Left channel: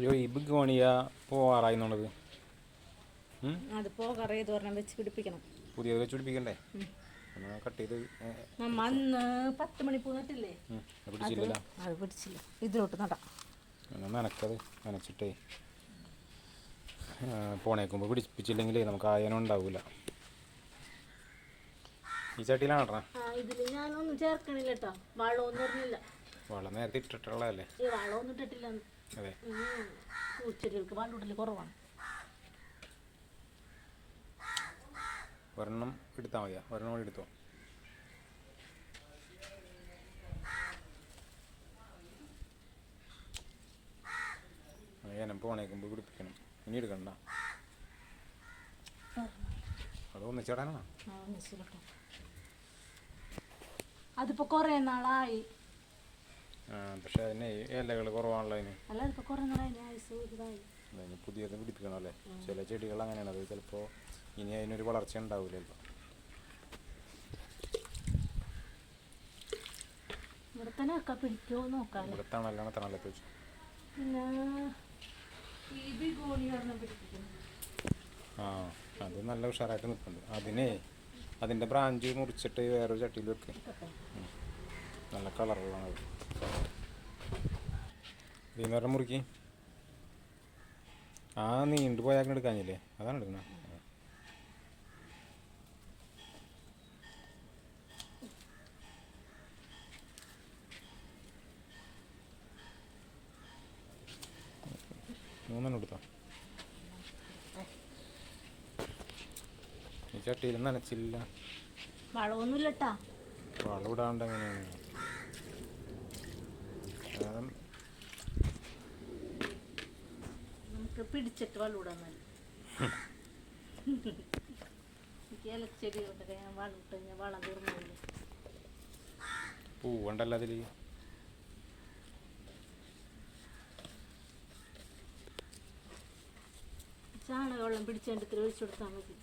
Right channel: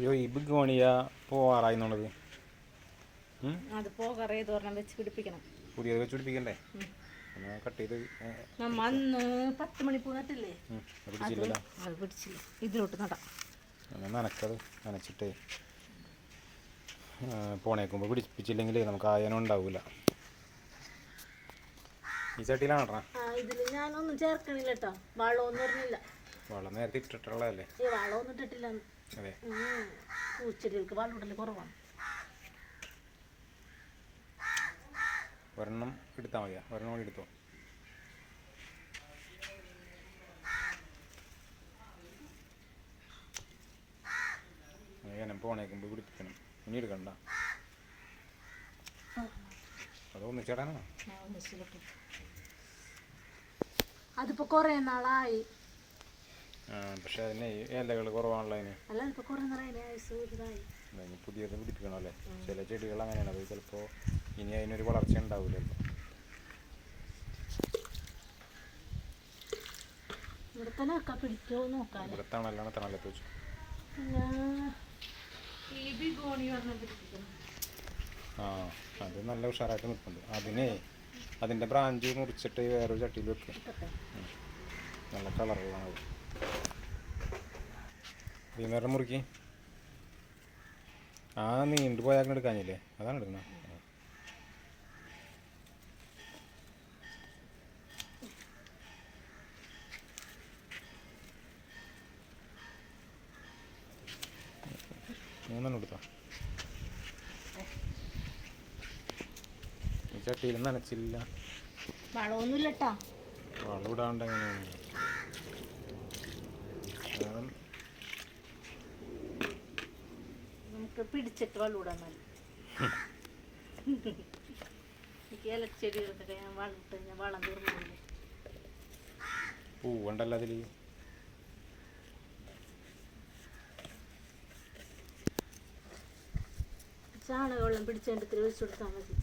അയ്യോ ഇബിക്ക് പണിയാ പോവാറായി എന്നുള്ളത് ഉം? അത് പോകറേ തോരണം വെച്ച് പിടിപ്പിക്കണം. പുതിയത് വെച്ച് പിടിപ്പിക്കണ്ടേ? കട്ട് ചെയ്ത് നമ്മ അന്ന് പത്ത് മണിപ്പൂ നട്ടില്ലേ? അത് പിടിച്ചില്ലല്ലോ. അത് പിടിച്ചില്ല. ഇതിലോട്ട് നടാം. നനക്കത് നനച്ചിട്ടേ. പോണേക്കുമ്പോൾ പിടിപ്പിച്ചില്ലെങ്കിൽ നമുക്ക് ആയനം ഉണ്ടാവില്ല ഈ ചട്ടിയിലാണ് ഇടണം ആ ഇതിൽ ഞാനൊന്നും ചേർക്കണില്ല കേട്ടോ വളമൊന്നും ഇറങ്ങില്ല വളം നേരത്തെ ഇട്ടിട്ടുള്ളതല്ലേ? ഈ വളമൊന്നും ഇട്ടിട്ടില്ല. പൂച്ചെടികൾക്ക് ഇടൽ കുറവാണ്. ഒരെണ്ണം എടുത്താൽ മതിയാ. ഒരെണ്ണം കൂടി എടുത്തോ. അങ്ങനെ പോണേക്കുമ്പോൾ പിടിപ്പിക്കണം ഇനി എടുക്കണ്ട. അത് ഒന്നിച്ചിടാനാണോ. അതിപ്പോ കൊറേ നാളായി. പക്ഷെ അതിന് ഇലകൾ കുറവാണല്ലോ അതിന്. പുതിയത് പിടിപ്പിക്കണം അല്ലേ? ചില ചെടികൾ അങ്ങനെയാണ് അത് ചിലപ്പോൾ ഇനി അതിനൊരു വളർച്ച ഉണ്ടാവില്ല ചിലപ്പോൾ ഇവിടെ തണലാണ് തണലത്ത് വെച്ചു ആ അത് നല്ല ഉഷാറായിട്ട് നിൽപ്പുണ്ട്. അതിനെ അതിന്റെ ബ്രാഞ്ച് മുറിച്ചിട്ട് വേറൊരു ചട്ടിയിൽ വെക്കുക നല്ല കളറുള്ളതാണ് അത്. ഇതിന്ന് മുറുക്കി. ആ നീണ്ടു പോയാൽ എടുക്കാനില്ലേ അതാണ് എടുക്കണേ. മൂന്നെണ്ണം എടുത്തോ? ഈ ചട്ടിയിൽ നനച്ചില്ല. വളമൊന്നുമില്ല കേട്ടാ വളം ഇടാണ്ട് എങ്ങനെയാണ് കാരണം നമുക്ക് പിടിച്ചിട്ട് വെള്ളം ഇടാൻ മതി എനിക്ക് ഇലച്ചെടികൾക്കൊക്കെ ഞാൻ വളം ഇട്ട് കഴിഞ്ഞാൽ വളം തീർന്നില്ലേ പൂവുണ്ടല്ലോ അതിൽ ചാണകവെള്ളം പിടിച്ചതിന്റെ ഇത്തിരി ഒഴിച്ചു കൊടുത്താൽ മതി.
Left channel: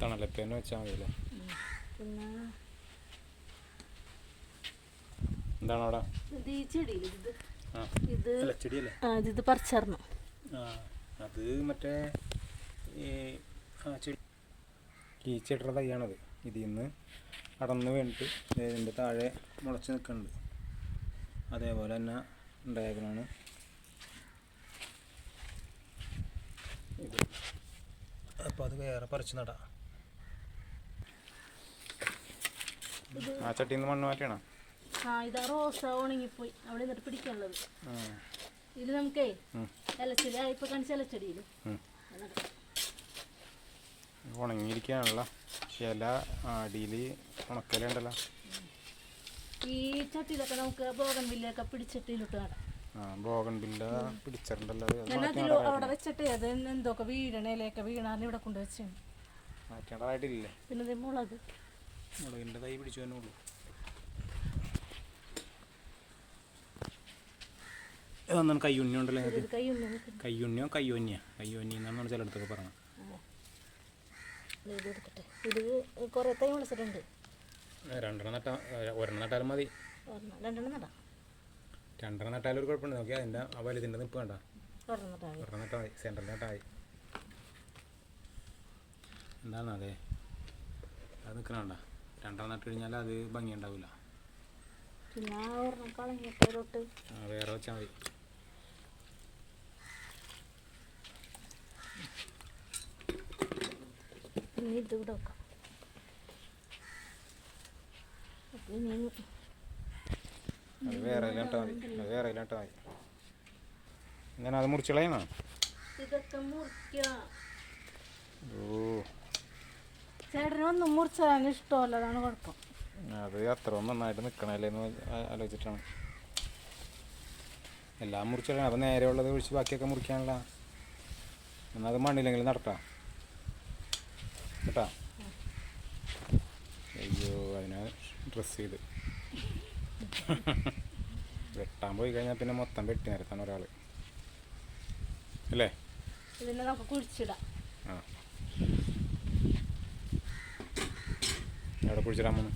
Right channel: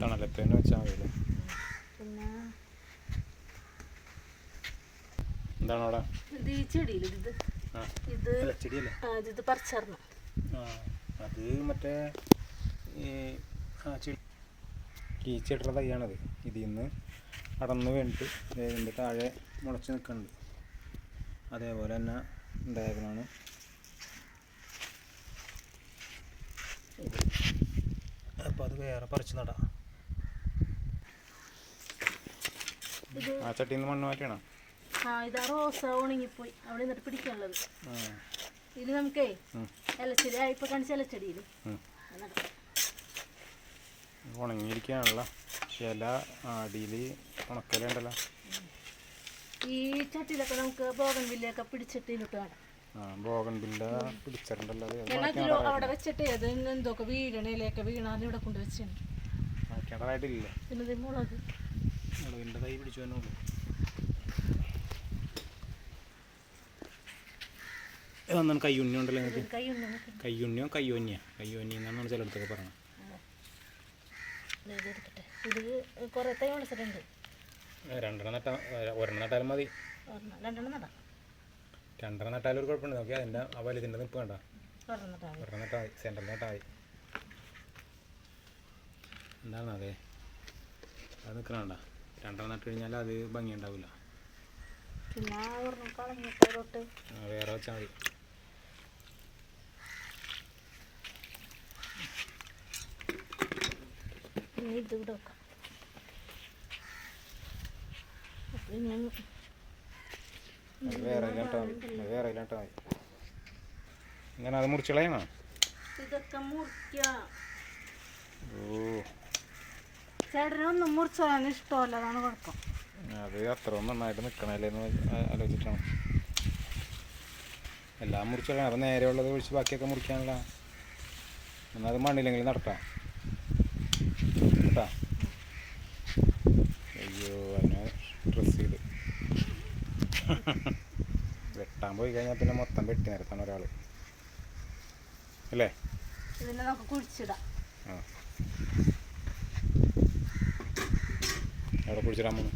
തണലത്ത് തന്നെ വെച്ചാൽ പിന്നെ എന്താണ് അവിടെ ഇത് ഈ ചെടിയിൽ ഇത് ആ. ഇത് ആ ഇത് ഇത് പറിച്ചറിഞ്ഞു ആ അത് മറ്റേ ഈ ആ ചെടി. കീച്ചയുടെ തൈയാണത്. ഇതിൽ നിന്ന് അടന്ന് വീണിട്ട് ഇതിന്റെ താഴെ മുളച്ച് നിൽക്കുന്നുണ്ട് അതേപോലെ തന്നെ ഉണ്ടായതിനാണ് ഇത്. അപ്പോൾ അത് വേറെ പറിച്ച് നടാം. ആ ചട്ടിയിൽ നിന്ന് മണ്ണ് മാറ്റണം ആ ഇതാ റോസ ഉണങ്ങിപ്പോയി. അവിടെ നിന്നിട്ട് പിടിക്കാനുള്ളത്. ആ. ഇത് നമുക്കേ ഉം. ഇലച്ചെടി ആ ഇപ്പൊ കാണിച്ച ഇലച്ചെടിയിൽ ഉം. ഉണങ്ങിയിരിക്കുകയാണല്ലോ അടിയിൽ ഉണക്കലുണ്ടല്ലോ. ഈ ചട്ടിയിലൊക്കെ നമുക്ക് ബോഗൻ പിടിച്ചിട്ടിലിട്ട് അതിലോ അവിടെ വെച്ചിട്ട് അത് എന്തൊക്കെ വീഴണ വീണാന്ന് ഇവിടെ കൊണ്ട് വെച്ചാണ്. മാറ്റേണ്ടതായിട്ടില്ല പിന്നെ മുളക്? മുളകിന്റെ തൈ പിടിച്ചു തന്നെ ഉള്ളൂ. ഒന്നാണ് കയ്യുണ്ണി ഉണ്ടല്ലോ നിങ്ങൾക്ക്? കയ്യോന്യ കയ്യുണ്ണിയോ കയ്യോന്നിയാ കയ്യോന്നി എന്നാണ് ചിലയിടത്തൊക്കെ പറയണം രണ്ടെണ്ണം നട്ടാ ഒരെണ്ണം നട്ടാലും മതി. രണ്ടെണ്ണം ഒരു കുഴപ്പമുണ്ട് നോക്കി അതിന്റെ ആ വലുതിന്റെ നിൽപ്പ് കണ്ട. ഒരെണ്ണം നട്ടാൽ മതി. ഒരെണ്ണം നട്ടാൽ മതി. സെന്ററിൽ നട്ടാൽ മതി. എന്താണ് അതെ? അത് നിൽക്കണണ്ട രണ്ടെണ്ണം നട്ട് കഴിഞ്ഞാൽ അത് ഭംഗി ഉണ്ടാവില്ല പിന്നെ ആ ഒരെണ്ണം കളഞ്ഞിട്ട് തൊട്ട് ആ, വേറെ വെച്ചാൽ മതി. പിന്നെ ഇത് ഇവിടെ വെക്കാം. അപ്പം ഇനി അത് വേറെ വേറെ ഇങ്ങനെ അത് മുറിച്ചളയണോ ഇതൊക്കെ മുറിക്കുക ഓ. ചേട്ടനൊന്നും മുറിച്ചാൻ ഇഷ്ടമല്ല അതാണ് കുഴപ്പം. അത് അത്ര നന്നായിട്ട് നിൽക്കണല്ലേ എന്ന് ആലോചിച്ചിട്ടാണ്. എല്ലാം മുറിച്ചളയണം അപ്പം നേരെ ഉള്ളത് ഒഴിച്ച് ബാക്കിയൊക്കെ മുറിക്കാനുള്ള എന്നാൽ അത് മണ്ണില്ലെങ്കിൽ നടത്താം കേട്ടാ അയ്യോ അതിനെ ഡ്രസ് ചെയ്ത്. വെട്ടാൻ പോയി കഴിഞ്ഞാൽ പിന്നെ മൊത്തം വെട്ടി നിരത്താണ് ഒരാൾ അല്ലേ? ഇതിനെ നമുക്ക് കുഴിച്ചിടാം. ആ. എവിടെ കുഴിച്ചിടാൻ പോകുന്നു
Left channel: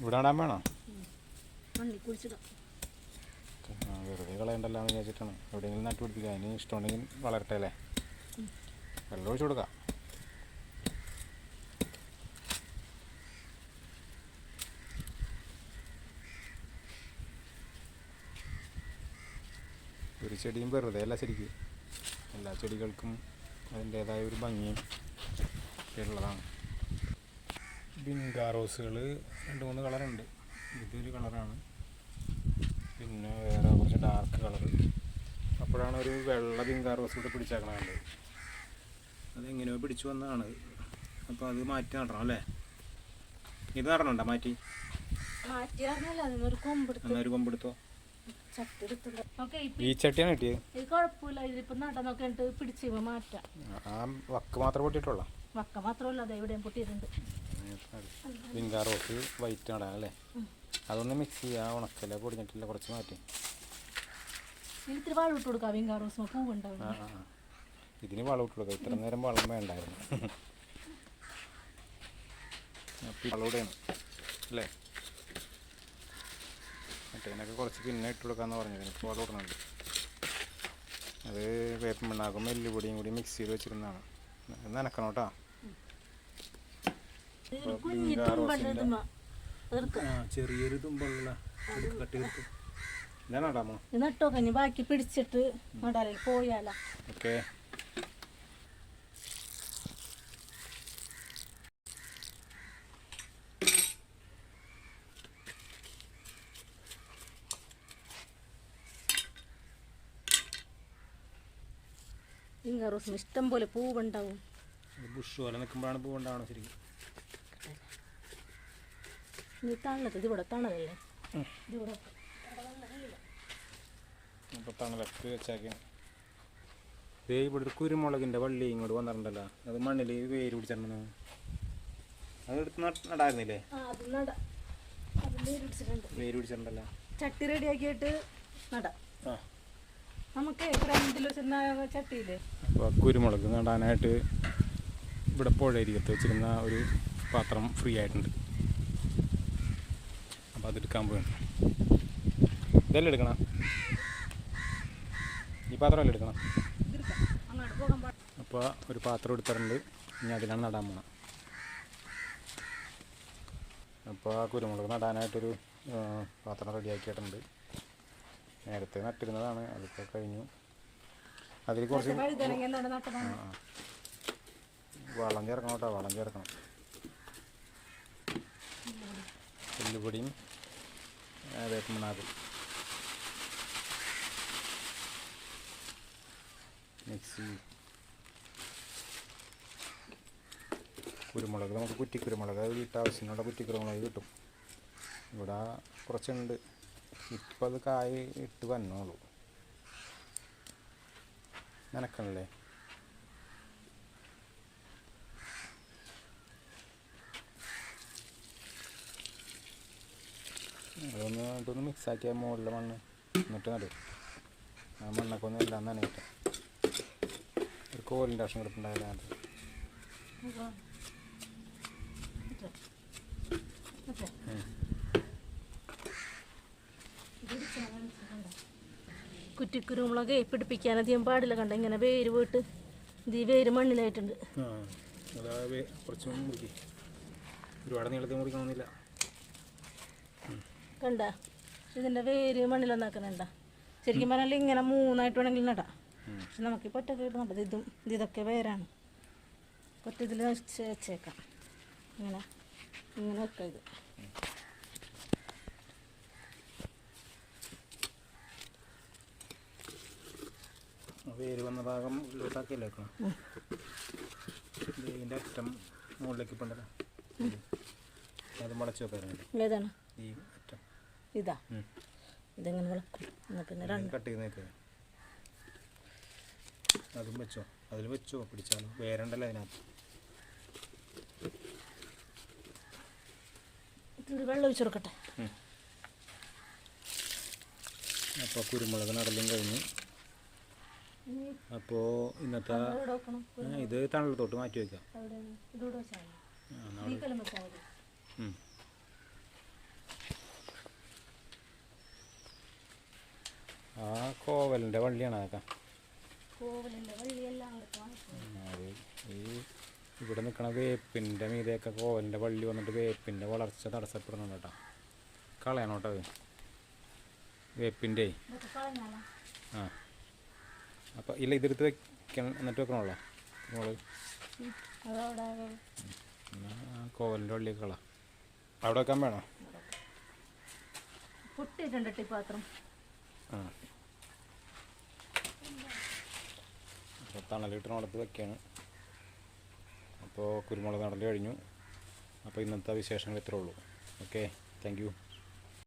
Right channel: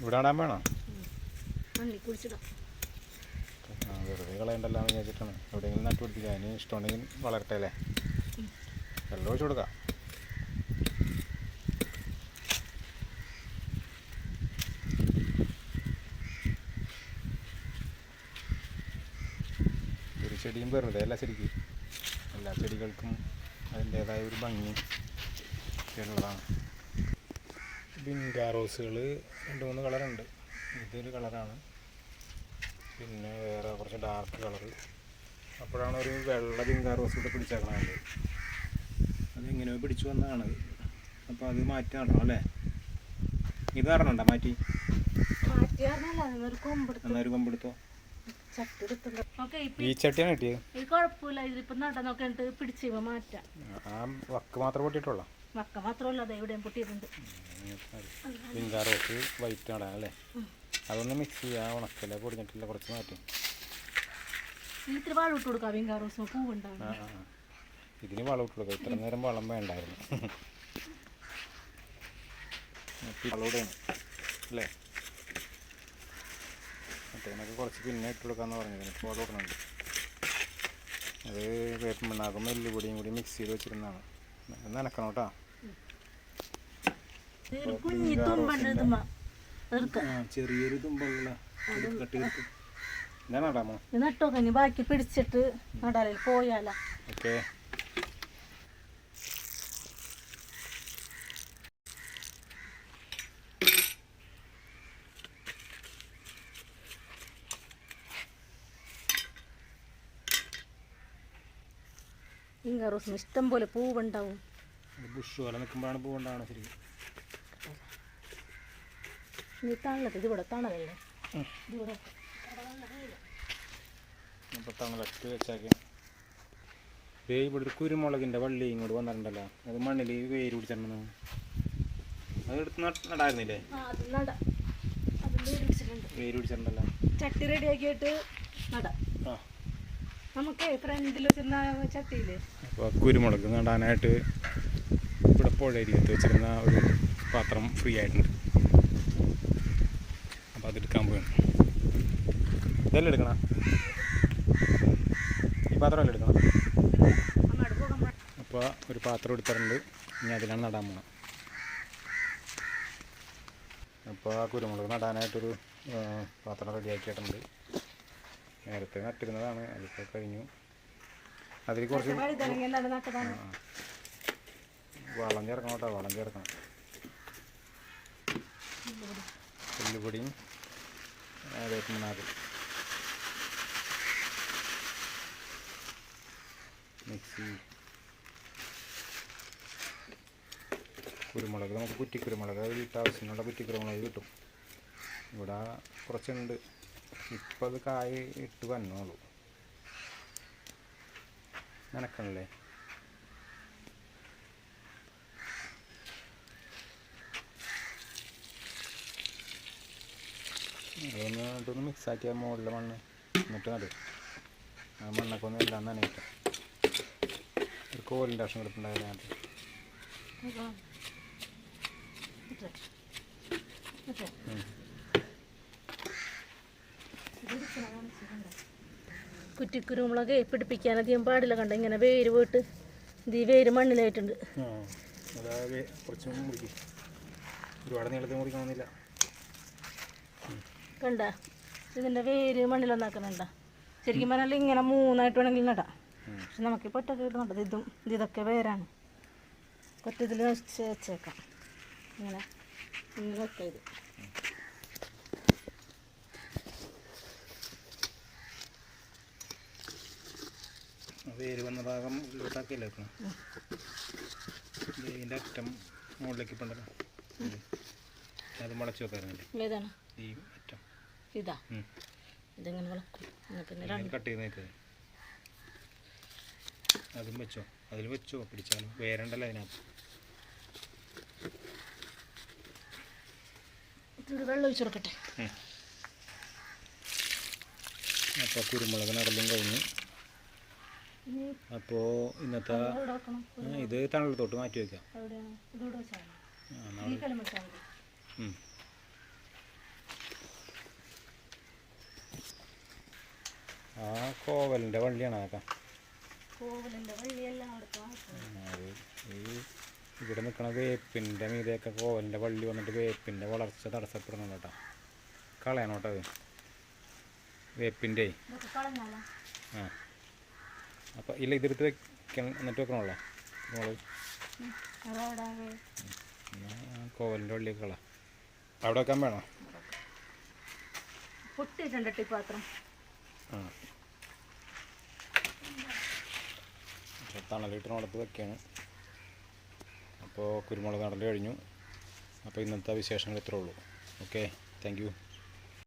ഇവിടെ ഇടാൻ വേണോ? വെറുതെ കളയണ്ടല്ലോ എന്ന് വിചാരിച്ചിട്ടാണ്. എവിടെയെങ്കിലും നട്ടുപിടിപ്പിക്കുക അതിന് ഇഷ്ടമുണ്ടെങ്കിൽ വളരട്ടെ അല്ലേ? വെള്ളം ഒഴിച്ചു കൊടുക്കാം. ചെടിയും വെറുതെ അല്ല ശരിക്ക്. എല്ലാ ചെടികൾക്കും അതിന്റേതായ ഒരു ഭംഗിയും ഉള്ളതാണ് ബിങ്കാ റോസുകൾ രണ്ട് മൂന്ന് കളറുണ്ട്. ഇതൊരു കളറാണ്. പിന്നെ വേറെ കുറച്ച് ഡാർക്ക് കളർ അപ്പോഴാണ് ഒരു വെള്ള ബിങ്കാ റോസ് കൂടെ പിടിച്ചേക്കണത്. അതെങ്ങനെയോ പിടിച്ചു വന്നതാണ്. അപ്പോൾ അത് മാറ്റി നടണം അല്ലേ? ഇത് നടണണ്ട മാറ്റി? ഒരു കൊമ്പെടുത്ത് ഈ ചട്ടിയാണ് കിട്ടിയത്. ഇത് കുഴപ്പമില്ല നട പിടിച്ച് മാറ്റാം. ആ വക്ക് മാത്രം പൊട്ടിയിട്ടുള്ള? വക്ക മാത്രമല്ല അത് എവിടെയും പൊട്ടിയിട്ടുണ്ട്. റോസ് വൈറ്റ് നടാൻ അല്ലേ? അതൊന്ന് മിക്സ് ചെയ്യാ ഉണക്കല പൊടിഞ്ഞിട്ടില്ല കുറച്ച് മാറ്റി. ഇത്തിരി ഇട്ട് കൊടുക്കാം റോസ് പൂവുണ്ടാവും. ഇതിന് വളം ഇട്ട് കൊടുക്കുക ഇത്ര നേരം വളം വേണ്ടായിരുന്നു. വളവിടെയാണ് അല്ലേ? മറ്റേതിനൊക്കെ കുറച്ച് പിന്നെ ഇട്ട് കൊടുക്കാമെന്ന് പറഞ്ഞത് ഇപ്പോൾ അത് ഇടുന്നുണ്ട് അത് വേപ്പം പിണ്ണാക്കും എല്ലുപൊടിയും കൂടി മിക്സ് ചെയ്ത് വെച്ചിരുന്നതാണ്. നനക്കണം കേട്ടോ. ചെറിയൊരു തുമ്പുള്ള കട്ട് ഞാൻ നടാമോ? ബാക്കി പിടിച്ചിട്ട് നടാലേ. പോയാലാ. ഓക്കെ. വിങ്കാ റോസും ഇഷ്ടം പോലെ പൂവുണ്ടാവും. ബുഷ് പോലെ നിൽക്കുമ്പോഴാണ് പൂവുണ്ടാവണം ശരിക്കും. നീ തണലത്ത് ഇതിവിടെ തണലല്ലേ ഇതിവിടെ അപ്പോൾ തണലൊക്കെ വെച്ചാക്കി. ദേ ഇവിടെ ഒരു കുരുമുളകിന്റെ വള്ളി ഇങ്ങോട്ട് വന്നിട്ടുണ്ടല്ലോ. അത് മണ്ണിൽ വേര് പിടിച്ചിട്ടുണ്ടെന്ന് നടായിരുന്നില്ലേ? അത് നട. അതിന്റെ പിടിച്ചിട്ടുണ്ട്. വേര് പിടിച്ചിട്ടുണ്ടല്ലോ. ചട്ടി റെഡിയാക്കിയിട്ട് നട. ആ. കുരുമുളക് നടാനായിട്ട് ഇവിടെ പുഴയരികത്ത് വെച്ചിരുന്ന ഒരു പാത്രം ഫ്രീ ആയിട്ടുണ്ട്. അപ്പോൾ അതെടുക്കാൻ പോവാണ്. ഇതെല്ലാം എടുക്കണം. ഈ പാത്രമല്ല എടുക്കണം. അപ്പോൾ ഒരു പാത്രം എടുത്തിട്ടുണ്ട്. ഇനി അതിലാണ് നടാൻ പോകണം അപ്പോൾ ആ കുരുമുളക് നടാനായിട്ടൊരു പാത്രം റെഡിയാക്കിയിട്ടുണ്ട് നേരത്തെ നട്ടിരുന്നതാണ് അതിപ്പോൾ കഴിഞ്ഞു. അതിൽ കുറച്ച്. വളം ചേർക്കണം കേട്ടോ വളം ചേർക്കണം. പുല്ലുപൊടിയും വേപ്പമണ്ണാക്കും മിക്സി. കുരുമുളക് നമുക്ക് കുറ്റിക്കുരുമുളക് വീട്ടാവശ്യത്തിനുള്ള കുറ്റിക്കുരുമുളക് കിട്ടും. ഇവിടെ കുറച്ചുണ്ട്. ഇപ്പം അത് കായ് ഇട്ട് വന്നോളൂ. നനക്കണല്ലേ? അതൊന്ന് ഇതൊന്ന് മിക്സ് ആക്കിയ മുകളിലെ മണ്ണ് എന്നിട്ട് നടും ആ മണ്ണൊക്കെ ഒന്നും എല്ലാം നനയിട്ട്. ഒരു കോലിന്റെ ആവശ്യം കിടപ്പുണ്ടായാലും അത് ഉം. കുറ്റിക്കുരുമുളക് പിടിപ്പിക്കാൻ അധികം പാടില്ല കണ്ട? ഇങ്ങനെ വേര് പോയിട്ട് ഇത് വേര് മണ്ണിലായിട്ടുണ്ട്. ഒരുപാട് നീളത്തിൽ മുറിക്കണമെന്നില്ല. കണ്ട? ഇതിന്റെ വേര് മണ്ണിലൊന്നാക്കണണ്ട ശരിക്കും പറഞ്ഞാൽ ഇങ്ങനെ മൂന്നായിട്ട് വേണമെങ്കിൽ നടാം. പക്ഷെ നമുക്ക് പൊട്ടൊക്കെ ഇടുന്നുണ്ട് ഇതും ഇത് ഇതൊക്കെ വേരാണ്. ഒറ്റ ഇതിൽ വെച്ചേക്കാം. ഇങ്ങനെ ഇങ്ങനെ വെക്കാം ഇത്. ആ വേര് വന്ന ഭാഗം ഉള്ളിലോട്ടാക്കിയല്ലേ വെക്കണം? ഇതിന്റെ അറ്റം മുകളിലേക്ക് ഇപ്പുണ്ടല്ലോ അത് മുളച്ച് വെക്കാറുണ്ട് ഈ അറ്റം. ഇതാ. ഇതെങ്ങനെ വിളക്കും? കട്ട് ചെയ്ത് നിൽക്കുക അതും വെച്ചോ. അതിൽ വെച്ചോ. പിടിച്ചാലോ വേരണ്ടല്ലോ അതിനകത്ത്. വെള്ളം ഒഴിച്ചു കൊടുക്കട്ടെ? അപ്പോൾ കുരുമുളക് നടലും കഴിഞ്ഞു അപ്പോ ഇന്നത്തെ ഇത് തണലത്തോട്ട് മാറ്റി വയ്ക്കാം ആ കോവലിന്റെ വള്ളിയാണ് ഇവിടെ നിൽക്കണ വേപ്പിന്റെ മീതൊക്കെ കോവലിന്റെ വള്ളി വന്നിട്ട് വേപ്പിന്റെ വളർച്ച തടസ്സപ്പെടുന്നുണ്ട് കേട്ടോ. കളയണം വേപ്പിന്റെ. ആ. അപ്പം ഇല്ല ഇതെടുത്ത് വെക്കണം എന്നിട്ട് വെക്കണമല്ലോ? കോവലിന്റെ വള്ളിയൊക്കെ കള. അവിടെ വെക്കാൻ വേണോ? പൊട്ടിയിട്ടുണ്ട് ടിപ്പാത്രം ആ. അപ്പോൾ വെക്കുകയാണ് അപ്പോൾ കുരുമുളക് നടൽ കഴിഞ്ഞു. അപ്പോൾ ഇന്നത്തെ വിശേഷങ്ങൾ ഇത്രേ ഉള്ളൂ. ഓക്കെ. Thank you.